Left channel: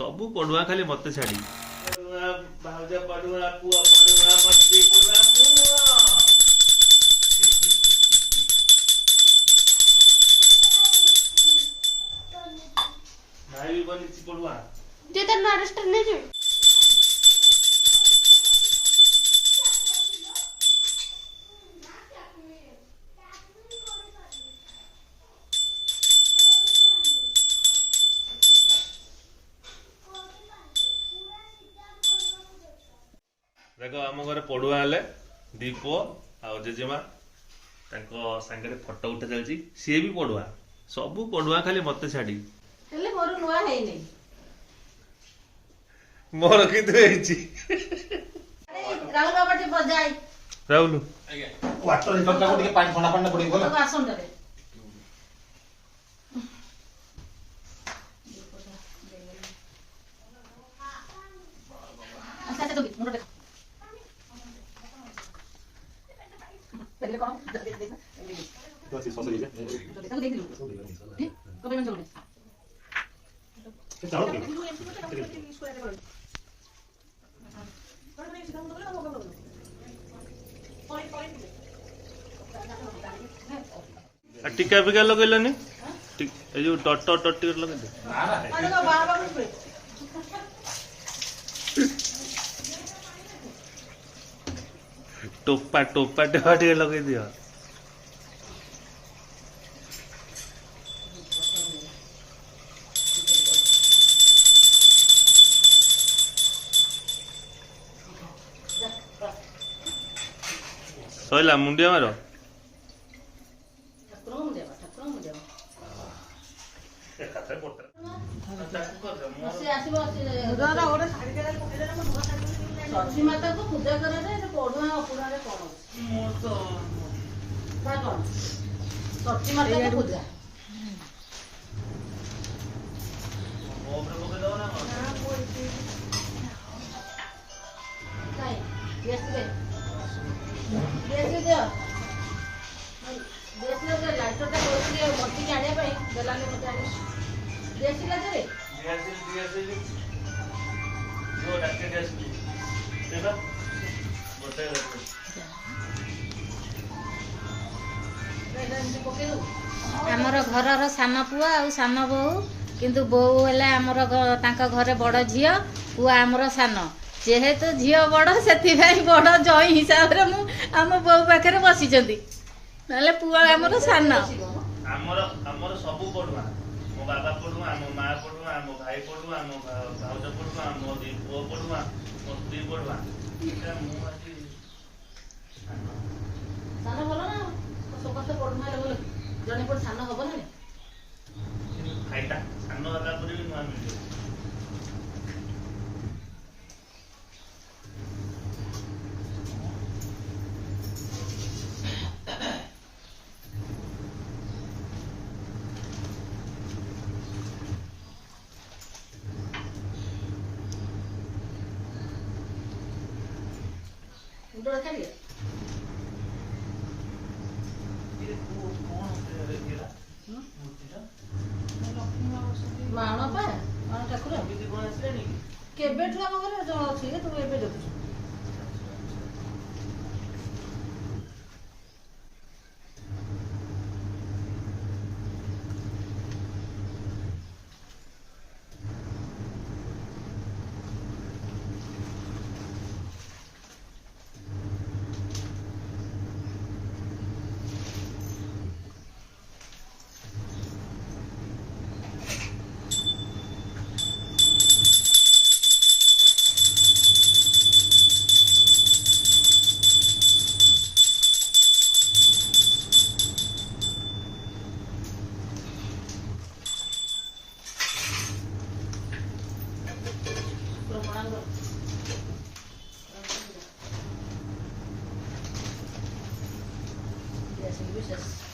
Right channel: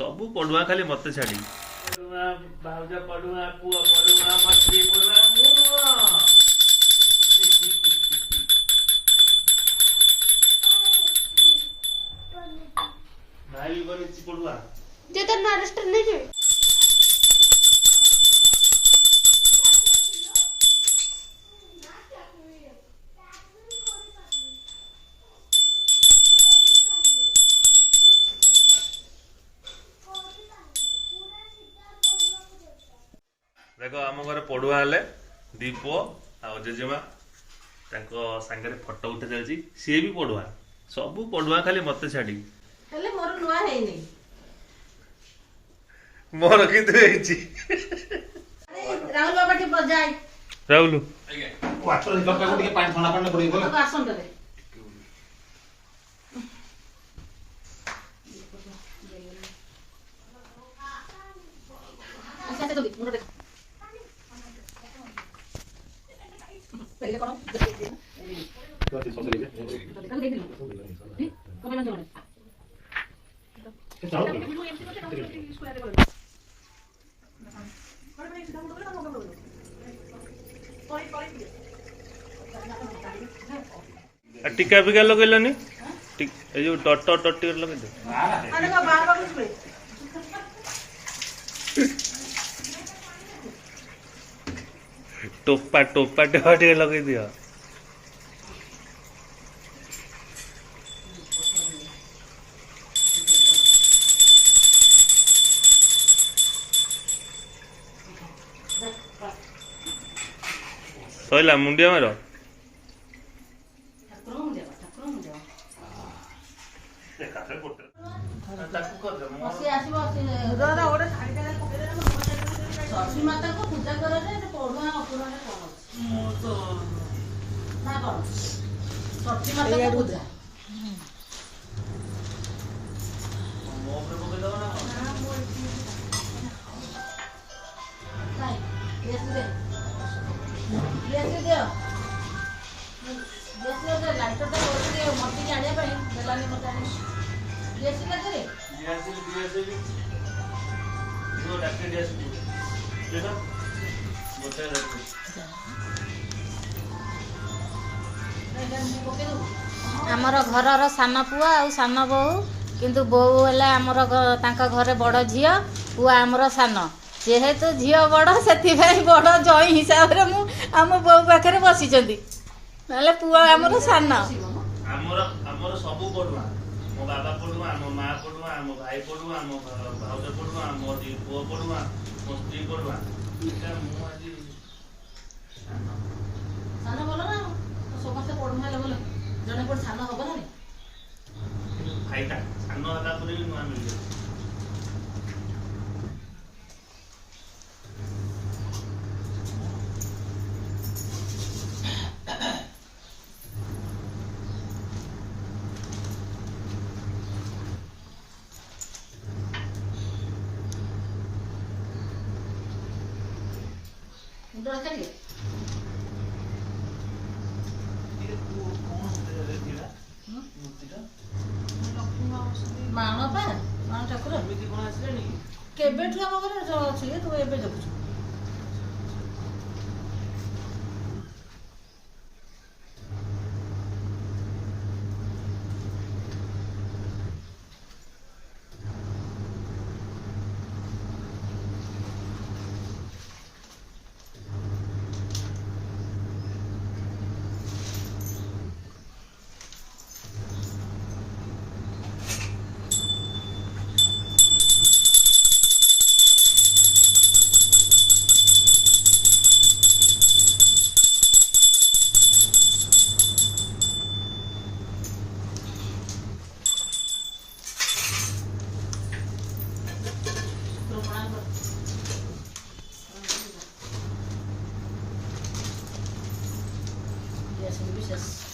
सबू पढ़ुआ खाली मत छाड़ी भाउज पढ़ुआ पुआ पढ़ुआ मछली पढ़ुआ भाई भी बनी पढ़ुआ जे तर नारस्टर नहीं है देख आम घर पढ़ुआ हेले दीप आ जेजेमा सांगे फटो उठा चलती सी भी पढ़ुआ सबू पढ़ुआ खाली मत छाड़ी मोर नुआ है नहीं मोर कि राहुल बाबा टे बजाय राहुल वाटर हिटर को ଟିକେ ପାଣି ଥଣ୍ଡା ପାଣି ପଡି ଗଲା आसन दे अच्छा तो मुंडो देख पहले कौन देख दे तो से सोच लीजिए देख लो कब बंद होने चलो टीका फिका लगेलनि जो टट टट लगे दे अरे बार बार इसमें टोपा टोपा टे लगे दियो सैला मुंडिया मार सरस्वती माता को पूजा कर पढ़ुआ अपुरा कौन सरस्वती माता को पूजा लाइटरटा मती आने देलानी मत आमर घर सान पुआ आ सान बोहू किंतु बोहू है आमर घरे बड़ झील पुआ आमर सान जेहेतु झील बड़ से बड़ जई हिसाब से आम बोहू पाखे बसी ना पुआ आमर सान आमर सब पढ़ुआ मो बाबा पढ़ुआ मो माँ पढ़ुआ मो भाई पढ़ुआ मो भाउज पढ़ुआ मो दी पुओ पढ़ुआ मो स्त्री पढ़ुआ सान बोल ना समस्त पढ़ुआ जड़े पढ़ सान हम ना फाइटा सान होला भी नुआ मिल मुंडो रखा दिए माण पा माण ठाकुर केबेठु आम घर अच्छे तुम एबे देखुछ Yes,